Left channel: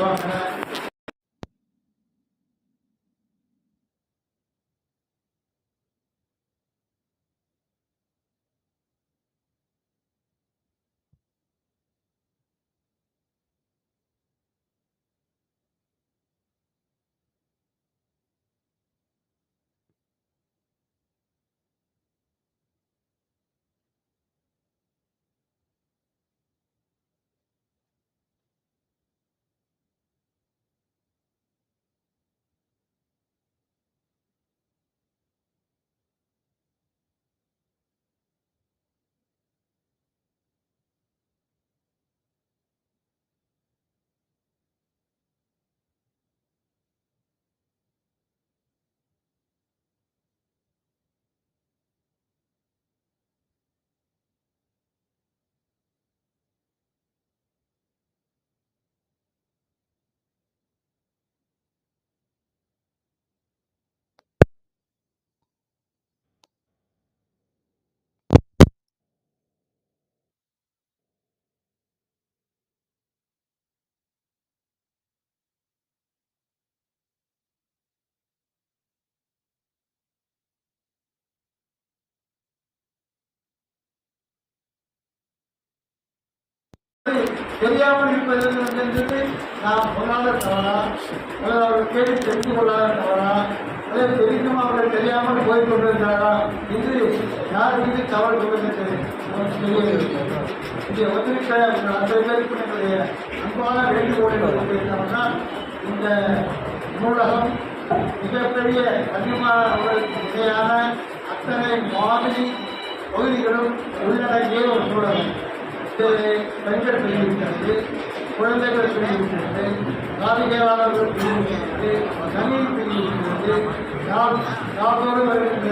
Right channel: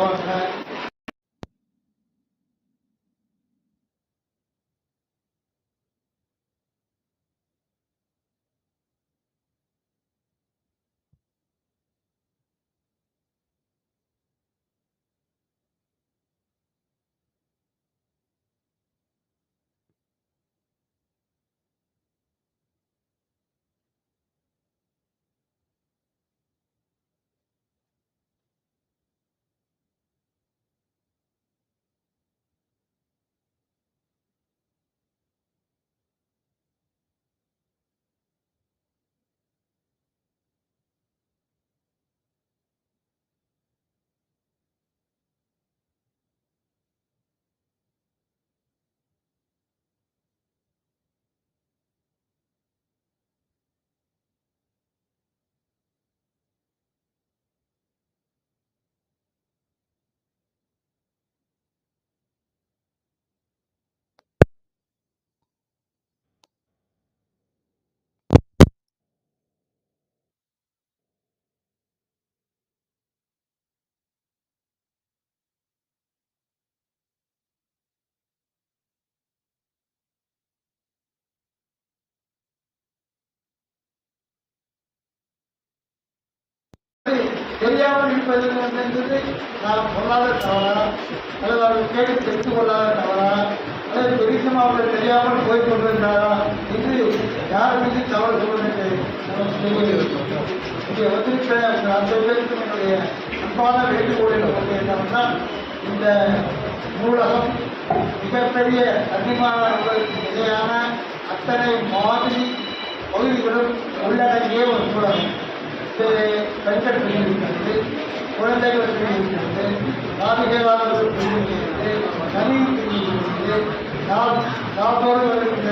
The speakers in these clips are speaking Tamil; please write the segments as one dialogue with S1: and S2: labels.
S1: Go on. தெரியாமல் இருப்பது என்பது நாம் சொல்லாத தவறா அல்லது அவர்கள் கேள்வி தெரிந்து கொள்ளாத தவறா அல்லது தெரிந்தும் அவர்கள் தெரியாமல் போய் கொண்டிருக்கிறாரா என்று யார் மீது தவறு சொல்வதற்கு இங்கே வந்திருக்கிற அந்த அத்தனை பேருக்கு என்னுடைய அன்பான வேண்டுகோள் என்பது என்னவென்னா இந்த நூலகம் மிகப்பெரிய கண்ணியமான நிலையான அத்தனை மாதிரி பகுதிகளும் உள்ளடங்கிய ஒரு நூலகம். இது பெண்கள் பிரிவு இருக்கிறது குழந்தைகள் பிரிவு இருக்கிறது காவிகையாளர்கள் பிரிவு இருக்கிறது கணினி பிரிவு இருக்கிறது நாட்டோடு வருகின்ற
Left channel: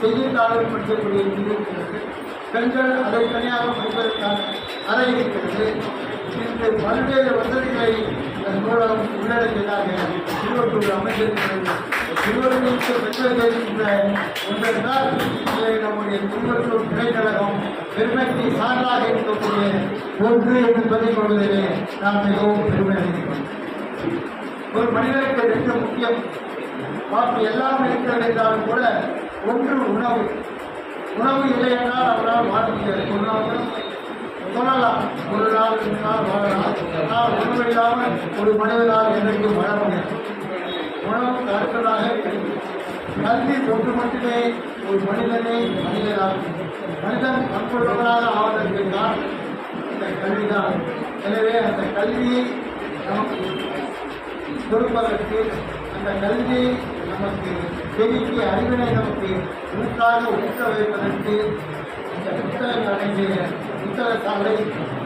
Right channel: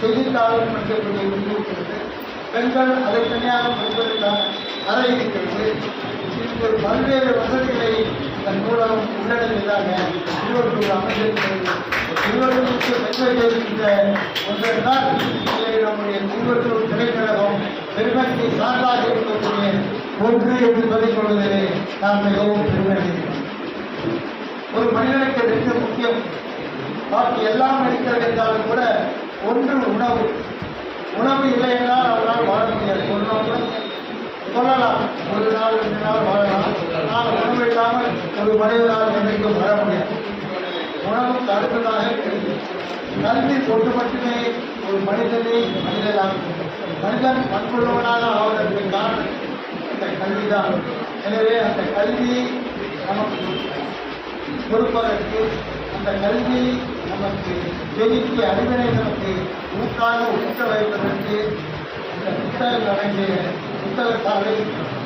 S1: செய்தித்தாளர் படிக்கக்கூடிய பிரிவு இருக்கிறது பெண்கள் அதை தனியாக படிப்பதற்கான அறை இருக்கிறது. இன்று பல்வேறு வசதிகளை இதன் மூலம் உள்ளடங்கியதாக திருவள்ளூர் அமைந்திருக்கிறது திருவள்ளூருக்கு பெற்ற இருக்கின்ற ஒன்றரை நாள் நம்முடைய திருவள்ளூர் திரைக்கழகம் பெருமைக்கு சான்றாக இருக்கக்கூடிய ஒன்று என்று சொல்லிக் கொள்வதிலே நாம் மிகவும் பெருமை ஒரு மனிதனுக்கு மிக முக்கியம். பாக்கி எல்லாம் இருக்கிறது என்றாலும் கூட ஒன்று உணவு. உணவு இல்லை என்றால் அவரால் வாழ முடியாது. ஒரு நாள் சொல்லலாம் ஒரு நாள் ரெண்டு நாள் வாழலாம். ஆனால் உணவு இல்லாமல் ஒரு மனிதனால் என்றைக்கும் வாழ முடியாது. உணவு கருத்ததாக கிடைக்கும் கல்வி கொண்டு மட்டுமே ஒரு மனிதனை மனிதனாகும் கண்டம் கண்கொள்ளாத ஆவதற்கு காரணம் அந்த கல்விதான். எனவே அந்த கல்வியை நமக்கு கொடுப்பதற்கு அந்த கல்வியை நமக்கு செதுக்கி அறிவினை நமக்கு ஊட்டாக ஊட்ட வைப்பதற்கு இந்த புத்தகங்கள் அடங்கிய புத்தக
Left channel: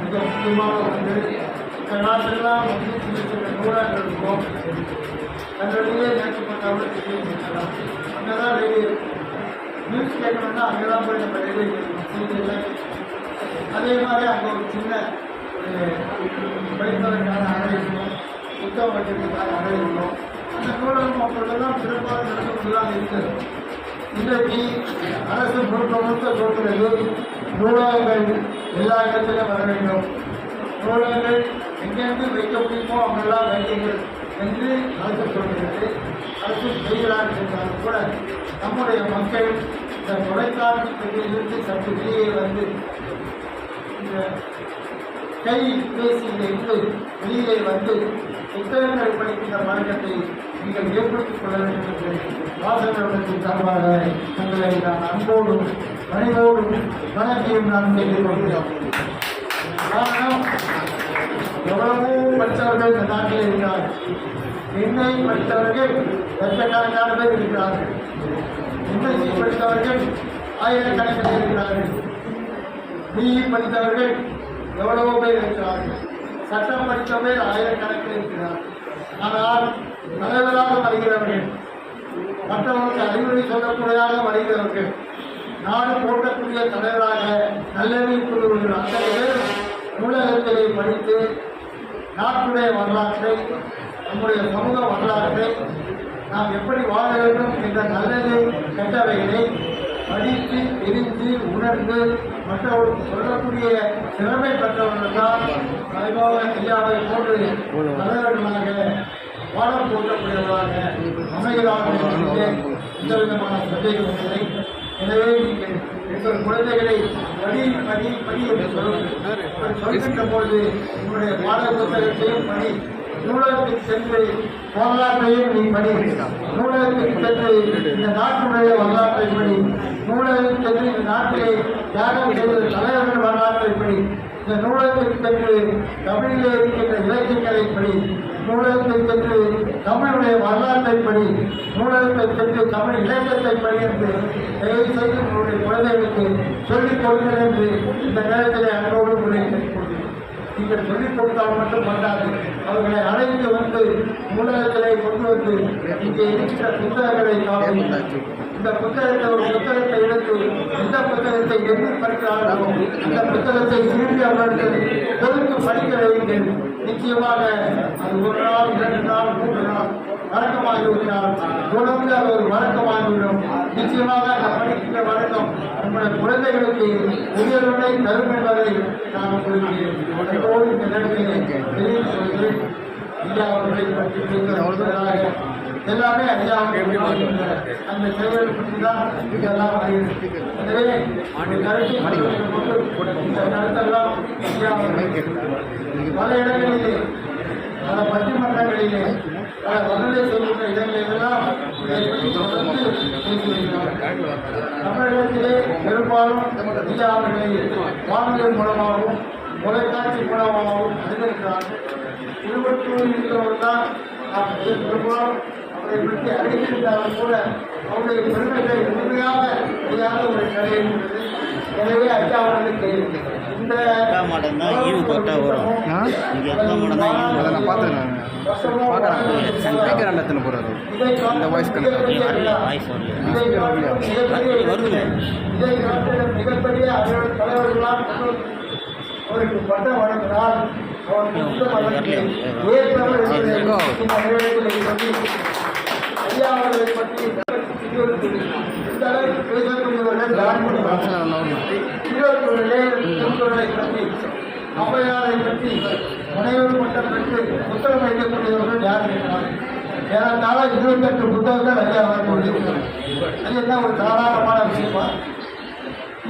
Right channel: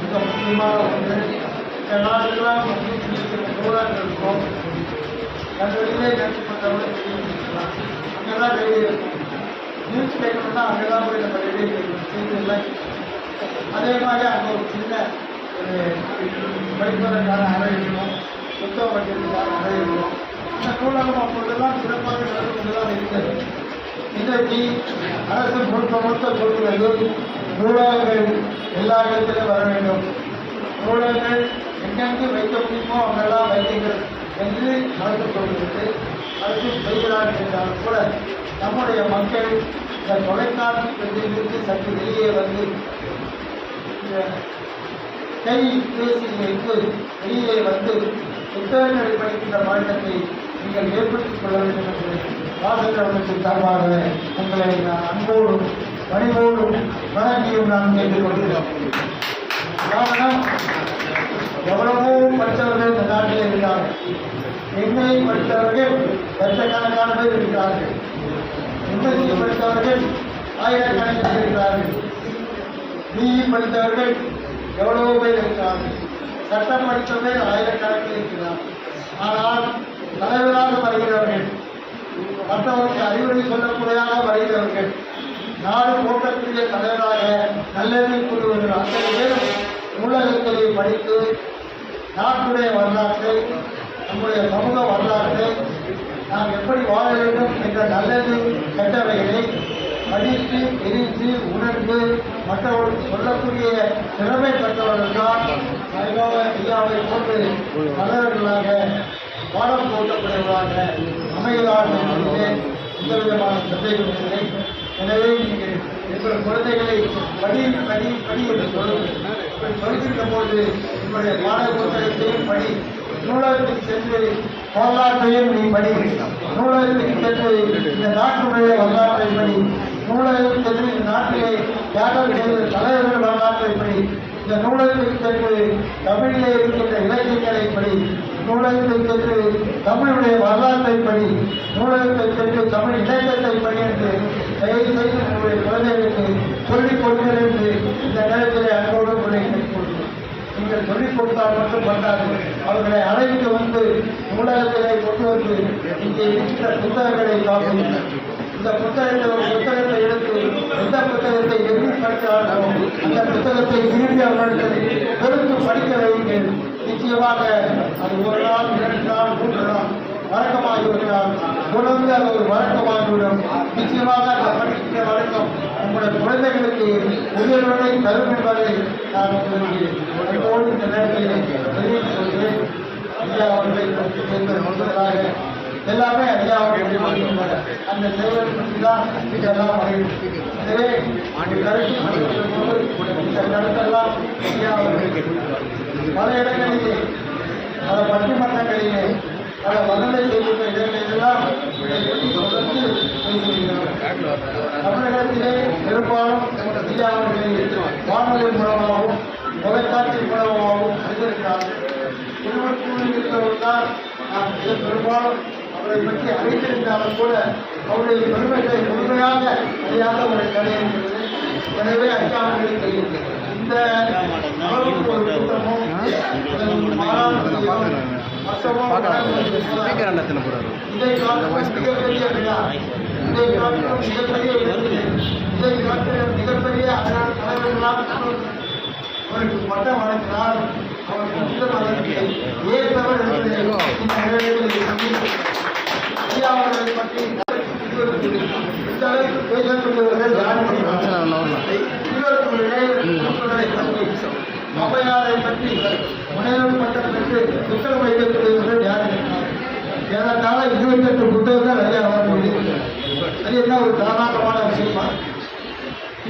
S1: மிக முக்கியமான ஒன்று. இந்த நாட்டெல்லாம் மத்திய இருக்கிற நூலாக்கள் இருக்கும். தங்களுடைய நினைக்கப்பட்டவர்கள் தெரிவிக்கலாம் அங்கே தான் ரேடியோ இருக்கும். நியூஸ் கேட்கணும்னா அங்கே தான் போய் நம்ம ரேடியோ கேட்கணும். செய்தி அதே மாதிரி அங்கே ஒரு சின்ன ஒரு படிப்பதற்கான அறை இருக்கும். புத்தகம் வைக்கிறதுக்கான அறை இருக்கும். அந்த நூலகம் அப்பொழுதெல்லாம் சிறப்பாக நடந்து கொண்டு தான் இருக்கிறது இன்றைக்கு அரசு முழுக்க முழுக்க சொல்கிறது நூலகங்கள் எல்லா இடத்திலும் வர வேண்டும். நூலகங்கள் எங்கெங்கு வைக்க முடியுமோ அங்கெல்லாம் வைக்கிறது என்று அரசு சொல்கிறது. அரசு செய்கிறார்கள் என்றாலும் கூட நம்முடைய மக்கள் இந்த தொலைக்காட்சி பெட்டியிலிருந்து சற்று வெளியே வந்து இந்த கை பேசியிலிருந்து வெளியே வந்து புத்தகங்கள் படிக்கின்ற மாற்றத்தை நீங்கள் ஏற்படுத்திக் கொள்ள வேண்டும் என்று வாசகர்களுக்கு சார்பாக உங்களை நான் அன்போடும் பணிவோடும் வணங்கியும் நான் கேட்டுக்கொள்கிறோம் காரணம் எவ்வளவோ படித்தவர்கள் இந்த நாட்டில் இருக்கிறார்கள். என்னை படித்தவர்கள் லட்சக்கணக்கான பேர் இருக்கிறார்கள். என்எஸ்சி படித்தவர்கள் ஆயிரக்கணக்கில் இருக்கிறார்கள். பிஇ படித்தவர்கள் எவ்வளவோ பேர் இருக்கிறார்கள்? சட்டம் படித்தவர்கள் ஆயிரக்கணக்கில் இருக்கிறார்கள் ஆனால் தலைவராக வருகிறவர்கள் மற்றவர்களுக்கு அறிவுரை சொல்லக்கூடியதாக வருகிறவர்கள் நாடு போற்றக்கூடிய தலைவராக நல்லெண்ணி கூறுவர்கள் அத்தனை பேரும் நூலகங்களை படித்து நாட்டுடைய வரலாற்றை நம்முடைய சமூக வரலாற்றை நாம் எப்படி வாழ வேண்டும் என்ற நல்லது கெட்டவைகளை படித்து தெரிந்து உணர்ந்து மற்றவர்களுக்கு சொல்லக்கூடிய திறமை பெற்றவர்கள் தான் சாய்பாபா ஐயாவை போன்று தலைவர்களாக பாடம் போட்டக்கூடியவர்களாக அமைகிறார் என்பதிலே எந்த விதமான சந்தேகம் இல்லை. எனவே நீங்கள் எங்கள் குழந்தைகளை படி படி படி என்று சொல்லுங்கள் இப்படி சொல்கின்ற போது உங்களுடைய பாட புத்தகத்தையும் படி நூலகத்துக்கு சென்று வரலாற்றையும் நீ படி. நூலகத்துக்கு சென்று இந்த நாட்டுடைய வரலாற்றை படி. நூலகத்துக்கு சென்று இந்த நாட்டிலே தியாகம் செய்த தலைவர்கள் வரலாற்றை படி. இந்த நூலகத்துக்கு சென்று தமிழிலே இருக்கின்ற இலக்கியங்களை படி. நூலகத்தில் சென்று தமிழுடைய வரலாற்றை படி. நூலகத்தில் சென்று தமிழ் இலக்கியத்தை படி என்று தயவு செய்து நம்முடைய குழந்தைகளுக்கு சொல்லிக் கொடுங்கள் என்று இந்த நேரத்தில் அன்போடு உங்களை நீங்கள் சொல்லிக் கொடுத்தால் மட்டும் பண்ணாது அவர்களை அழைத்து வந்து நூலகத்திலே கொண்டு வந்து இங்கே இருக்கிற புத்தகங்களை பார்ப்பீர்கள் இந்த புத்தகத்தை ஒரு புத்தகத்தை எடுத்து எந்த புத்தகத்தை எப்படி படித்தாலும் அந்த புத்தகத்தை திரும்பி அவர்களுக்கு பொறுத்து படிக்க வையுங்கள். நிச்சயமாக அது ஒரு நாள் இரண்டு நாள் மூன்று நாள் வழக்கமாகிவிட்டால் தொடர்ந்து அது ஒரு வழக்கமாகிவிடும். நிச்சயமாக அந்த படிக்கிற வழக்கம் உங்களுடைய குழந்தைகளுக்கு உயர்வுடை தரும் என்பதை நான் உங்களுக்கு அன்போடு இந்த நேரத்தில் தெரிவித்துக் கொள்கிறேன். ஐயா அவர்களை பற்றி சொல்வது முதலாக எல்லாமே ஐயா அந்த செயல் பற்றி தான் இதெல்லாம். எனவே இந்த கருத்தெல்லாம் ஐயா அவர்கள் பல இடங்களிலே பல பட்டிமன்றங்களிலே இடங்களிலெல்லாம் இதை பற்றி தொடர்ந்து. தமிழகத்திலே பெரும்பாலும் ஐயா அவர்களை வானொலி மூலமாகவும் தொலைக்காட்சி மூலமாகவும் நாம் பெரும்பாலும் அவரை பற்றி அறிந்திருந்தாலும் கூட அவருடைய பெருமைகளை முழுமையாக அறியாத ஒரு நிலை இருக்கிறது எனவே ஐயா அவர்களுக்கு இந்த மாநாடு வருஷமும் இதை காட்டும் மிகப்பெரிய விழா இதை காட்டும் மிகப்பெரிய அவருக்கு பட்டம் வழங்கினால் அவருக்கு இந்த பதவியை ஏற்றவர் இந்த ஐயா அவர்களை பற்றி இந்த அளவுக்கு பேசக்கூடியவர்கள் பற்றி முனைவர் பட்டம் பெற்று புத்தகம் வைக்கக்கூடியவர்கள் யார் இருக்கிறார் ஏறத்தாழ இருபத்தெட்டு புத்தகங்கள் நிறைய அவர் முடியும் அது என்ன ஒரு சாதாரணமான விஷயமா?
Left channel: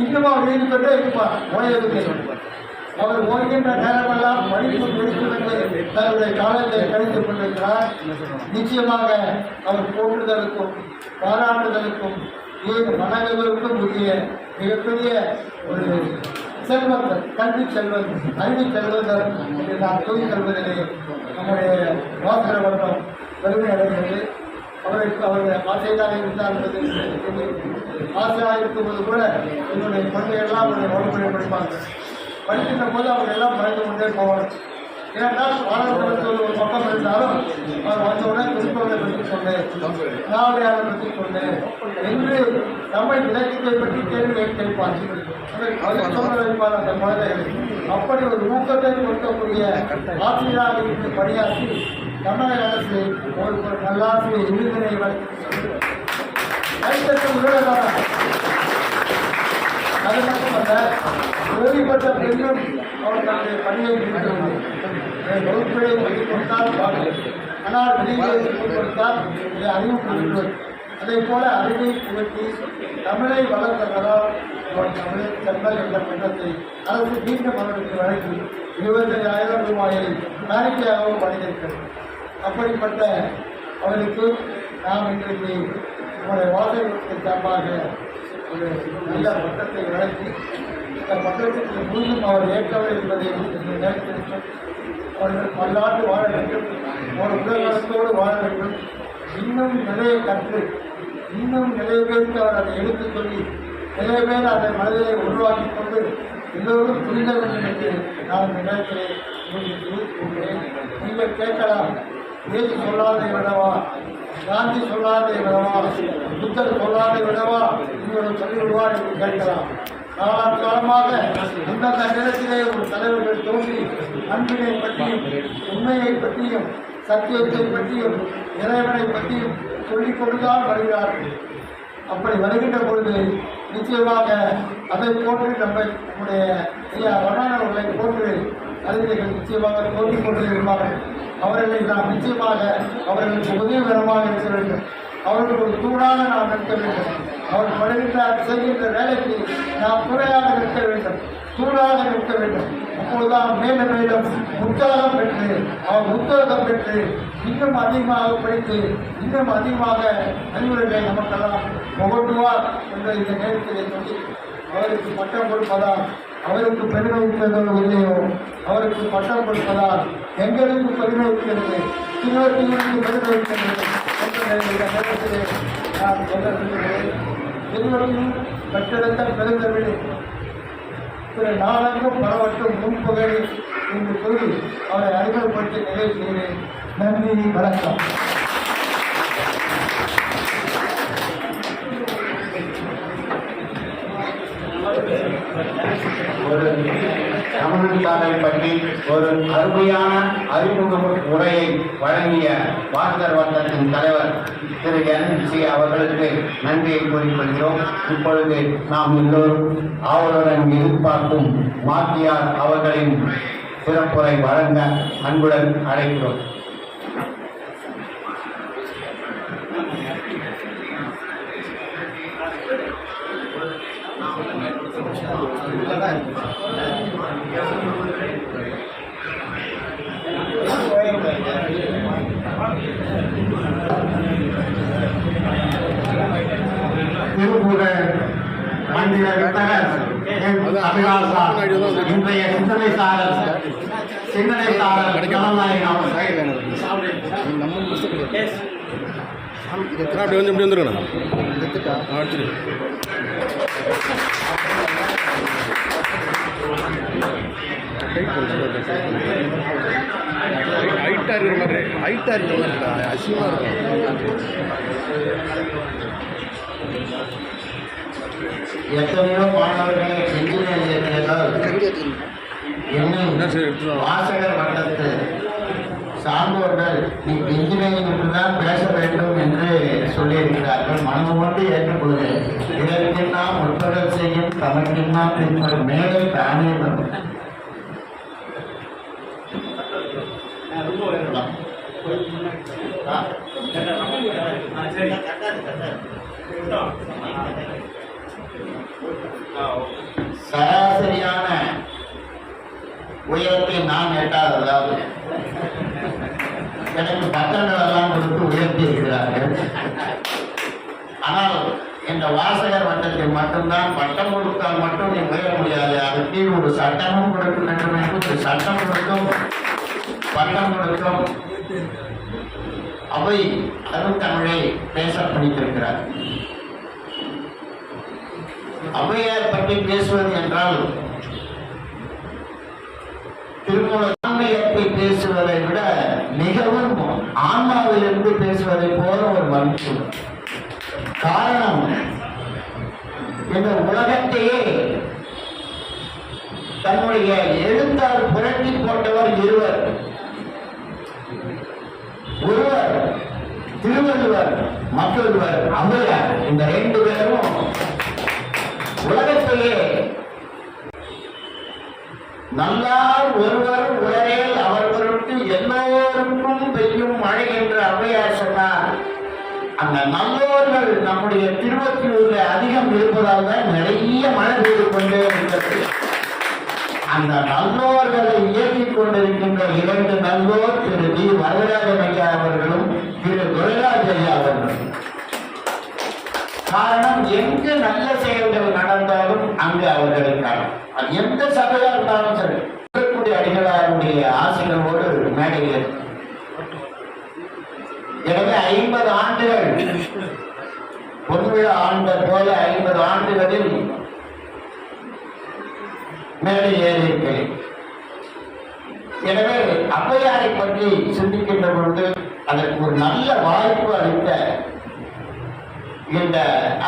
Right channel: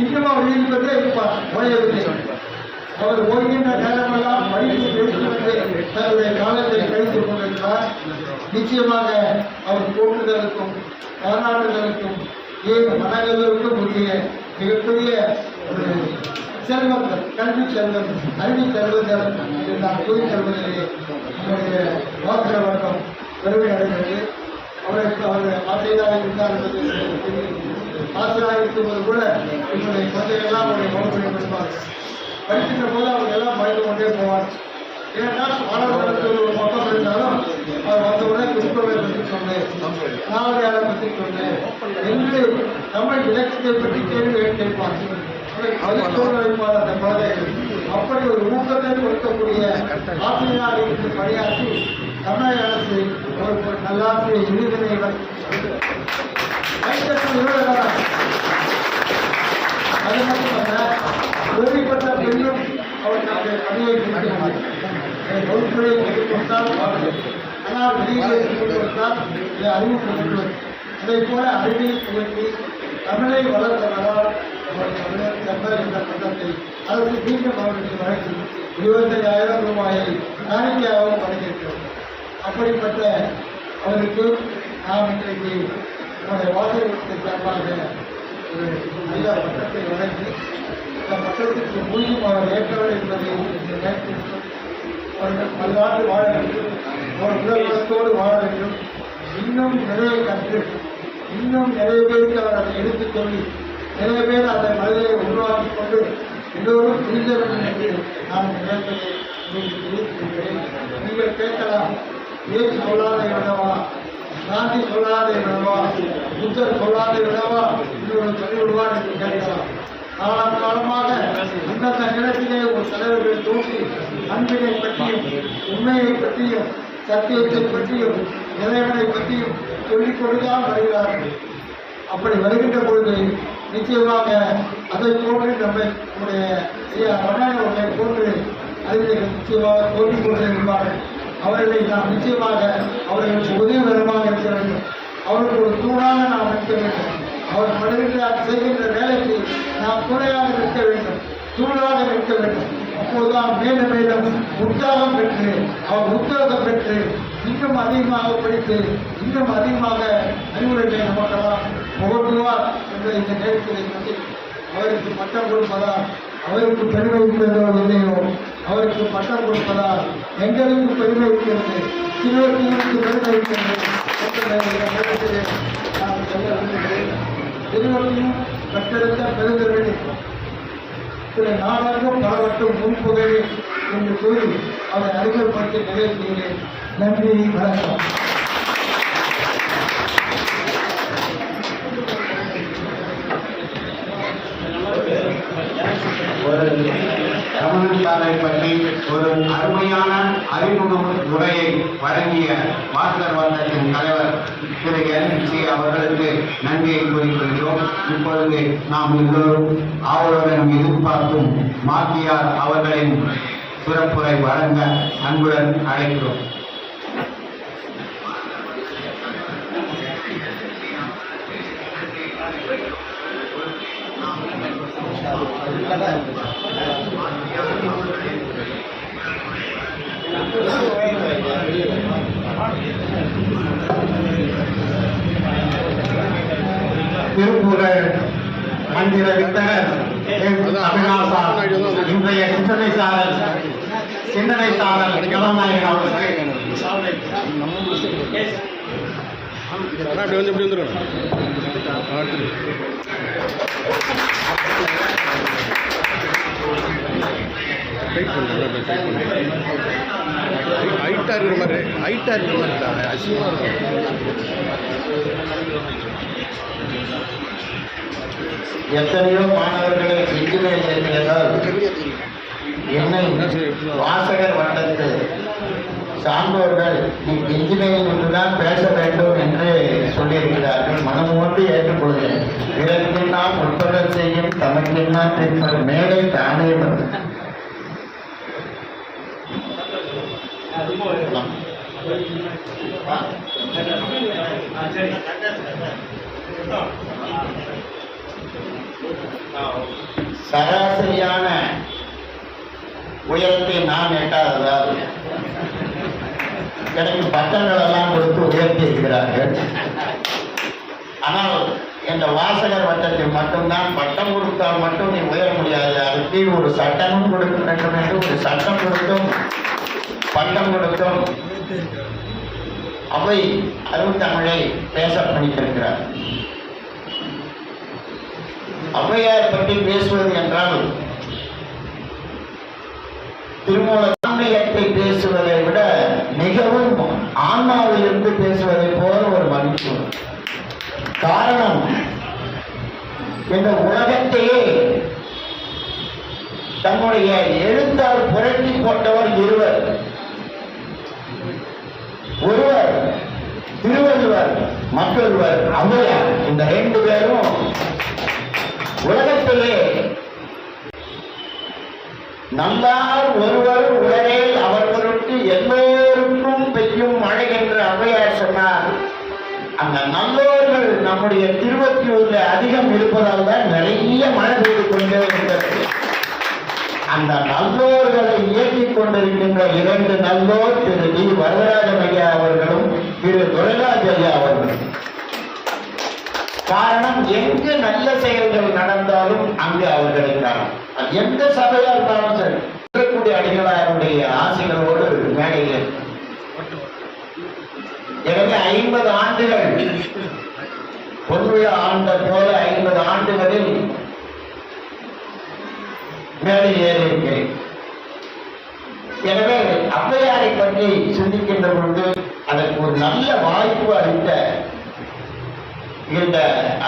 S1: இன்னும் அவர் ஈடுபட்டே இருப்பார் ஓயவில்லை அவர் ஓய்கின்ற நேரமெல்லாம் படிப்பு படித்து தன்னுடைய காலத்தை கழித்துக் கொண்டிருக்கிறார் நிச்சயமாக அவர் போற்றுதலுக்கும் பாராட்டுதலுக்கும் ஏன் வணங்குவதற்கும் உரிய மிகப்பெரிய ஒரு செல்வந்தர் கல்வி செல்வந்தர் கல்வி செல்வந்தர் என்று நான் கூறி தருவதிலே நம்முடைய மோசர வர்க்கம் பெருமை அடைகிறது. அவருக்கு அவர் ஆசையாக இருந்தார் என்பது ஆசையாக இருக்கும்போது கூட என்னுடைய குழந்தைகள்லாம் அவருடைய மறுபடியும் படிப்பார்கள் படிக்கின்ற போது அவங்க எல்லாம் மறைந்து கொண்டே போவார்கள். ஏனென்றால் மாணவர்களுக்கு ஒரு பக்கம் இருந்தாலும் அவர் வந்தவுடனே குறிப்பவை பற்றி சொன்னேன். பற்றி சொன்னேன் என்று தமிழ் இலக்கியத்தை பற்றி கேள்வி கேட்பார். அப்படி ஒரு ஊக்கத்தை கொடுக்கக்கூடிய ஆசிரியராக இருந்து பணியாற்றி தமிழக அரசு ஒரு நல்லாசிரிய விருதினை அது மட்டுமல்ல பெண்ணும் அவர் பணியை வகுப்புகளை வைத்துக் கொடுத்தால் ஆனால் வெளியே கொண்டு இதை அறிவுக்கு அதே போல அறிவை உயர்த்தி தமிழை வளர்த்தவரால் அவர் தமிழர் செல்வர் என்ற பட்டத்தை அரசு மீண்டும் அவர்களுக்கு வழங்கி இருபத்தையாயிரம் ரூபாயை காணிக்கையாகவும் வழங்கியிருக்கிறது அப்படிப்பட்ட அவருக்கு நாம் இன்றைக்கு நம்முடைய வாசகத்திற்கு சார்பாக ஒரு நல்ல பட்டத்தை வழங்கி இந்த பட்டத்திற்கு முழுதும் அவர் ஏற்கவில்லை என்பதை இந்த நேரத்தில் அவர்கள் பல்லாண்டு வாழ வேண்டும். அவர் உலகத்தோடு வாழ வேண்டும். இன்னும் நிறைய கற்று இன்னும் நிறைய பேருக்கு அவர் அதை எடுத்துச் சொல்லி நிறைய பேர் அந்த மனதை உருவாக்கி கொண்டு எல்லோரும் புரிந்த வேண்டும் என்று நான் இந்த நேரத்தில் உங்களுக்கு நீங்கள் கேட்கலாம் ஏன் சொல்லாதே விடவா? காந்தி சொல்லாதே விடவா? புத்தர் சொல்லாதே விடவா? இவர்கள் சொல்லி விடுவார் என்று கேட்கலாம். காலமாக அந்தந்த நேரத்திலே ஒரு தலைவர்கள் தோன்றி அன்பினை பற்றியும் உண்மையை பற்றியும் சத்தியத்தை பற்றியும் இறைவனை பற்றியும் சொல்லிக் கொடுத்தான் வருகிறார்கள். அப்படி வருகின்ற பொழுது நிச்சயமாக அதை போன்று நம்ம நம்முடைய ஐயா வண்ணான போன்று அறிஞர்கள் நிச்சயமாக தோன்றிக் கொண்டு இருப்பார்கள் அவர்களை நாம் நிச்சயமாக அவர்களுக்கு உதவிகரமாக இருக்க வேண்டும். அவர்களுக்கு ஒரு தூணாக நாம் நிற்க வேண்டும். அவர் படுகின்ற செய்கின்ற வேலைக்கு நாம் துணையாக நிற்க வேண்டும். தூணாக நிற்க வேண்டும். அப்போதுதான் மேலும் மேலும் உற்சாகம் பெற்று அவர் உத்வேகம் பெற்று இன்னும் அதிகமாக படித்து இன்னும் அதிகமாக அறிவுரைகளை நமக்கெல்லாம் புகட்டுவார் என்பதை இந்த நேரத்தில் சொல்லி அவருக்கு பட்டம் கொடுப்பதால் அவருக்கு பெருமை இருக்கிறதோ இல்லையோ அவருக்கு பட்டம் கொடுப்பதால் எங்களுக்கு பெருமை இருக்கிறது. சிறுவர்களுக்கு பெருமை இருக்கிறது என்ற நேரத்திலே நான் சொல்ல விரும்புகிறேன். திருவள்ளியும் கட்டிடத்த பெருந்தவெளி திரு நாடகம் பரவட்டும் முன்புகழி என்று கூறி அவரை அறிமுகப்படுத்தி நிறைவு செய்கிறேன். நன்றி வணக்கம்
S2: ஒரு தமிழியாளரை பற்றி ஒரு அருமையான அறிமுகம் உரையை வழங்கிய வாசகர் வட்டத்தின் தலைவர் திரு என் சி அவர்களுக்கு நன்றியை கூறிக்கொள்கிறோம் இப்பொழுது நாம் எல்லோரும் ஆவலுடன் எதிர்பார்க்கும் மாத்தியார் அவர்களின் சிறப்புரை வழங்க அன்புடன் அழைக்கிறோம். திருப்பூரர் மந்திர வித்தகர் இன்றைய சிந்தனை சாரல் சிந்தனை சாரல் ஜனநாயகம் அவர்கள்
S3: அப்படி வந்து வந்துருக்கணும் அடுத்து ஹைட்டாக இருக்கிற மாதிரி ஹைட்டாக இருக்கிற மாதிரி இருக்கா அசிங்கமாக இருக்கும்
S2: எத்தனையோ மாணவர்களை இன்ஜினியர் சேர்ந்ததால் என்னை வாசகர் வட்டத்து சான்றோர்கள் நீ இன்ஜினியரிங் தான் பேச வேண்டும் என்று சொல்லியிருக்கிறார்கள். மனமோடு ஏற்றுக்கொள்கிறேன் பிறர்க்கெல்லாம் உட்படல் செய்யும் தனக்கெல்லாம் பின்பர் மேலே தானே சராசரியான உயரத்தை நான் எட்டாததால் எனக்கு பட்டங்கள் எல்லாம் கொடுத்து உயர்த்தி இருக்கிறார்கள் ஆனால் இந்த வாசகர் பட்டத்தை மட்டும்தான் பட்டம் கொடுத்தால் மட்டும் நீ உயர முடியாது. அதுக்கு ஒரு சட்டமும் கொடுக்க வேண்டும் என்று ஒரு சட்டம் கொடுத்தும். பட்டம் கொடுத்தும். அவை அருந்தமிழை பேச பண்ணித்திருக்கிறார் அவையார் பற்றி பேசுவது என்றால் திருமூல உலகத்தையே தன்னுடைய எழுத்தால் புரட்டி போட்டவர் இருவர். ஒருவர் திருவள்ளுவர் மற்றொருவர் ஔவையார் இந்த ரெண்டு பேரும் உலகத்திலே நல்லார் ஒருவர் உலகில் அவர்களுக்கு எல்லோருக்கும் பெய்யும் மழை என்று ஔவையார் சொன்னார். அந்த நல்லோர்கள் நம்முடைய திருவத்தியூர்ல அதிகம் இருப்பதால் தான் நிறைய மழை பெய்து கொண்டே இருக்கிறது அந்த நல்லோர்களை இயக்கிக் கொண்டிருக்கின்ற இரண்டு நல்லோர் திரு டி வரதராஜன் ஐயா அவர்களும் திரு. துரைராஜ் ஐயா அவர்களும். காரணம் எங்கு நல்ல செயல்கள் நடந்தாலும் அங்கு அவர்கள் இருக்கிறார் எந்த சபையா இருந்தாலும் சரி. இருக்கக்கூடிய அடிகளாருடைய ஆசைகளோடு மேடையில் எனவே ஐம்பது ஆண்டுகள் பொதுவிழா ஆண்ட போல ஐம்பது ஆண்டுகளில் மேடை ஏறியிருக்கிறேன் எனவே ஔவையாரை பற்றி சிந்திக்கின்ற பொழுது அதற்கு ஒரு நல்ல வாய்ப்பு அளித்த இந்த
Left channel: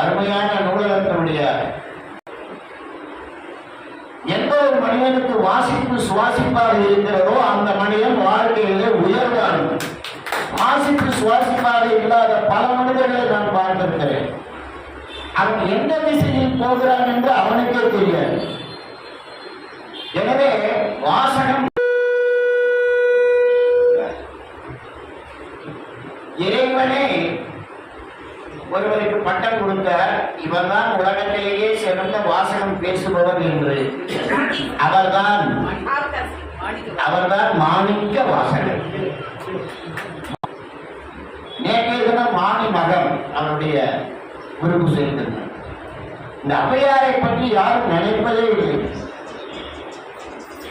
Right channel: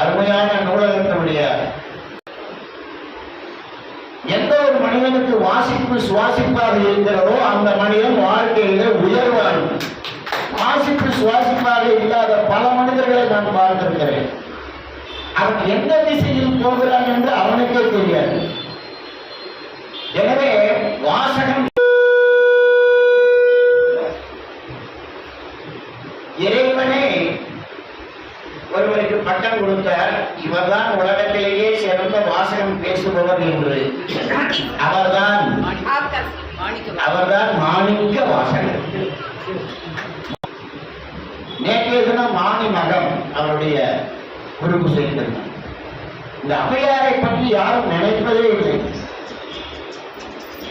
S2: அருமையான நூலகத்தினுடைய எந்த ஒரு மனிதனுக்கு வாசிப்பு சுவாசிப்பாக இருக்கிறதோ அந்த மனிதன் வாழ்க்கையில உயர்வான். வாசிப்பு சுவாசிப்பாக இல்லாத பல மனிதர்களை நான் பார்த்திருக்கிறேன். அவன் எந்த திசையில் போகிறான் என்று அவனுக்கே தெரியாது. எனவே வாசகம் இறைவனே ஒருவருக்கு பட்டம் கொடுத்தார் இவர்தான் உலகத்திலேயே சிறந்த வாசகம் பேசுபவர் என்று. அவர்தான் அவர்தான் மாணிக்க வாசகர். நேற்றைய தினம் மாணி மகம் அவருடைய உறுப்பு சேர்ந்திருந்தார். இந்த அவையாரை பற்றி யாரும் நினைப்பதே இல்லை.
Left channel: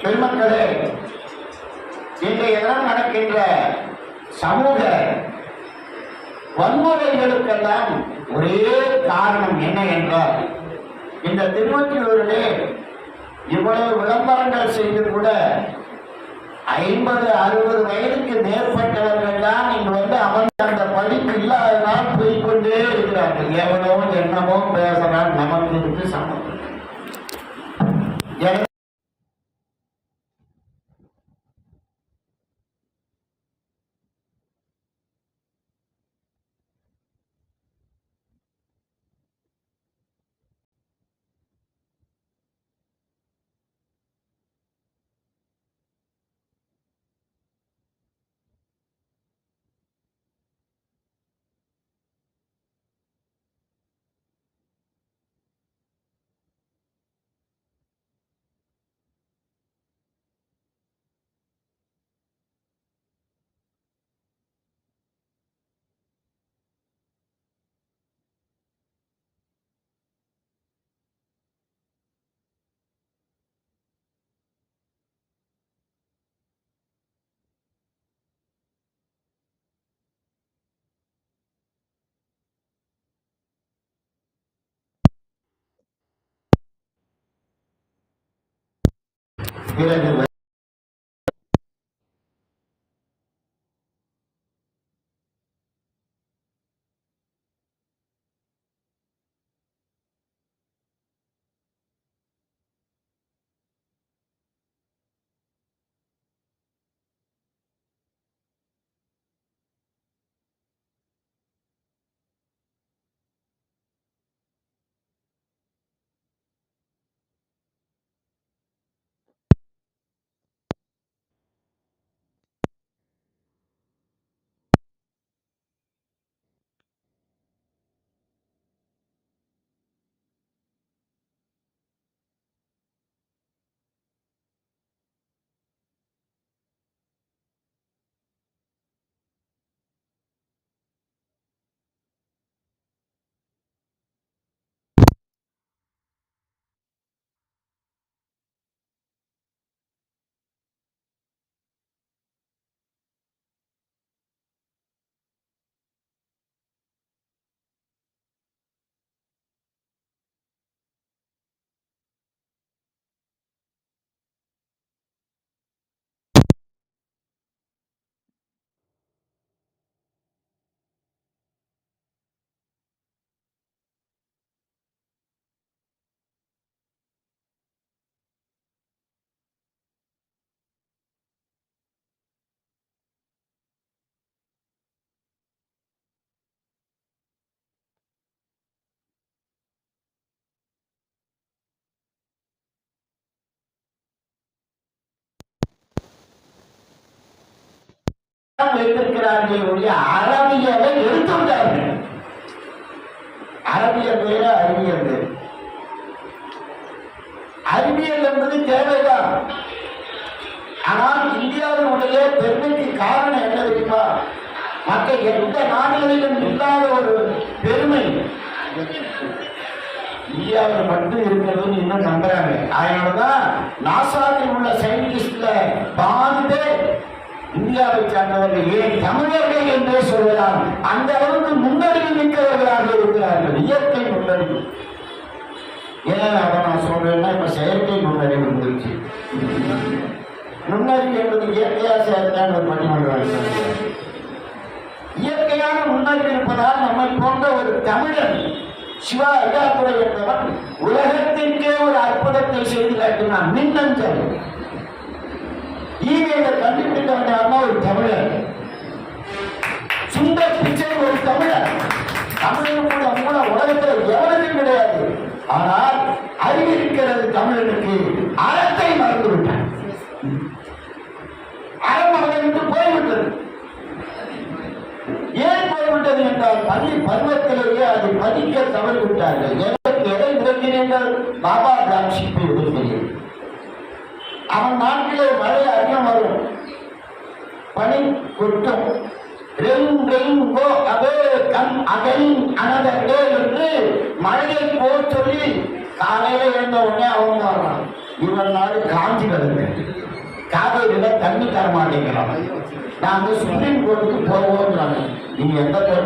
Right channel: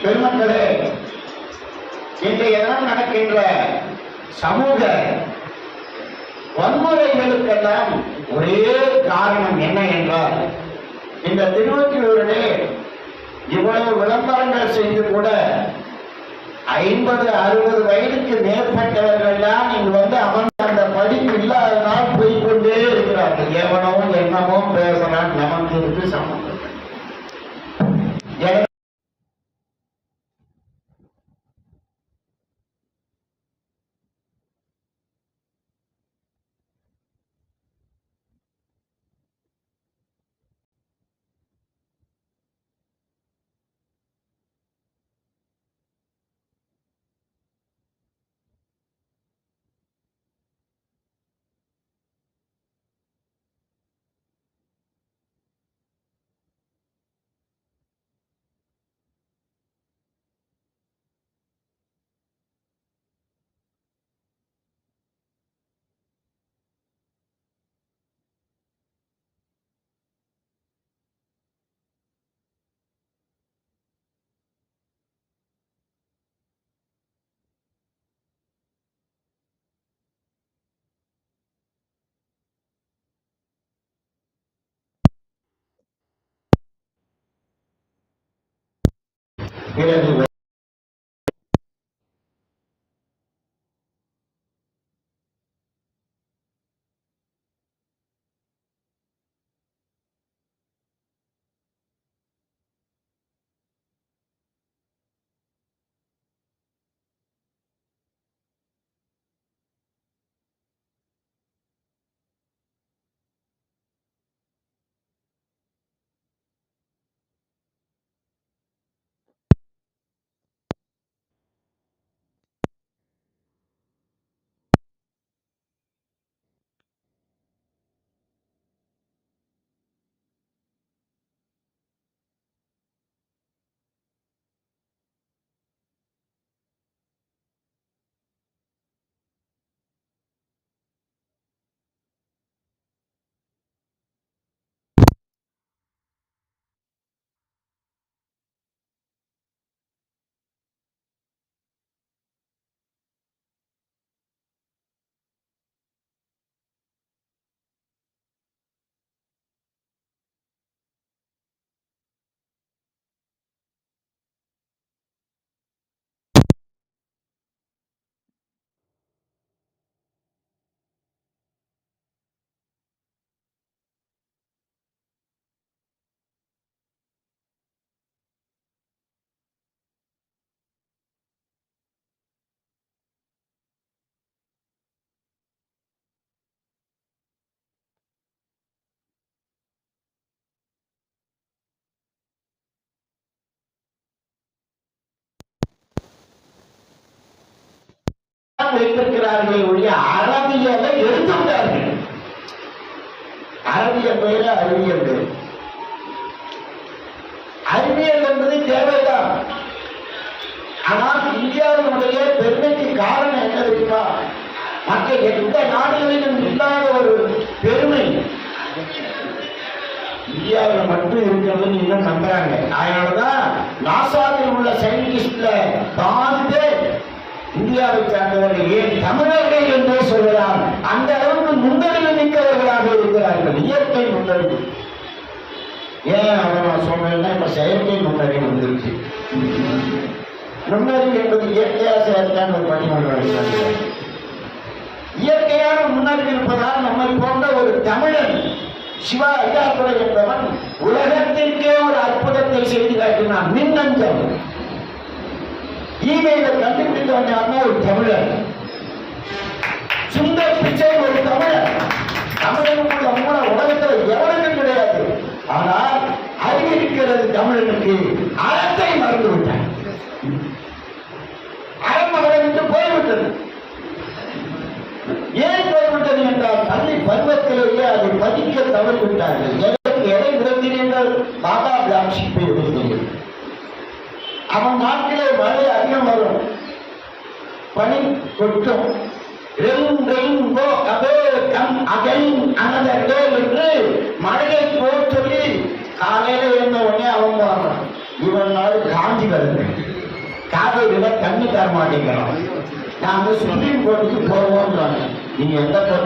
S2: பெருமக்களே இன்றைய தினம் நடக்கின்ற சமூக வன்முறைகளுக்கெல்லாம் ஒரே காரணம் என்ன என்றால் இந்த திருவற்றியூரிலே இவ்வளவு விளம்பரங்கள் செய்து கூட ஐம்பது அறுபது வயதுக்கு மேற்பட்டவர்கள் தான் இங்கு வந்து அவன் அந்த படிப்பு இல்லாததால் போய்கொண்டே இருக்கிறார்கள். எவனோ என்னமோ பேசுறான் Gracias. வைத்திருக்கிறார்கள் ஒழிய அரபியலை எடுத்து விட்டார்கள் அரபியல் வேற அறிவியல் வேறு அறிவியல் என்பது தேவைதான். ஆனால் இந்தியாவினுடைய பெருமைக்கு காரணம் என்ன தெரியுமா? மற்ற எந்த நாடுகளிலும் இல்லாத ஒரு பெருமை. இந்தியாவில் மட்டும் இருக்கிறதுன்னு இன்னும் நம்புறாங்க. அதனாலதான் நாசா உள்ள சயின்டிஸ்ட்ல பாதி பேர் இந்தியாவை சார்ந்தவர்கள் ஏன் தமிழர்கள் என்றே சொல்லலாம் அந்த அளவுக்கு முன்னறிவு மிக்கவர்களாக இருக்கிறார்கள். இயற்கை முன்னறிவு ஏன் அவன் நான் சொல்றேன்னா இப்ப செயற்கை முன்னறிவு வந்துருச்சு. நுண்ணறிவு என்பது இயற்கையா செயற்கையான பணியாளர்கள் இயற்கையான முன்னறிவு இருப்பதால் நம்மை போன்ற ஒரு தமிழன் சிவா ஐயாத்துறை என்பவன் உலகத்திற்கே ஒரு அற்புதத்தை செய்து காட்டினான். மின்னஞ்சல். ஈமெயில கண்டுபிடித்தவன் யாருன்னா ஒரு தமிழர். சுந்தர் பிச்சை ஒரு தமிழர். தமிழனுடைய மூல உலகத்தில் எவ்வளவு மாட்டேங்கிறான் நாங்க ஸ்விம்மிங் பூலுக்கு போவோம் நீங்க எந்த கோர்ட்டுக்கு போனாலும் நாங்க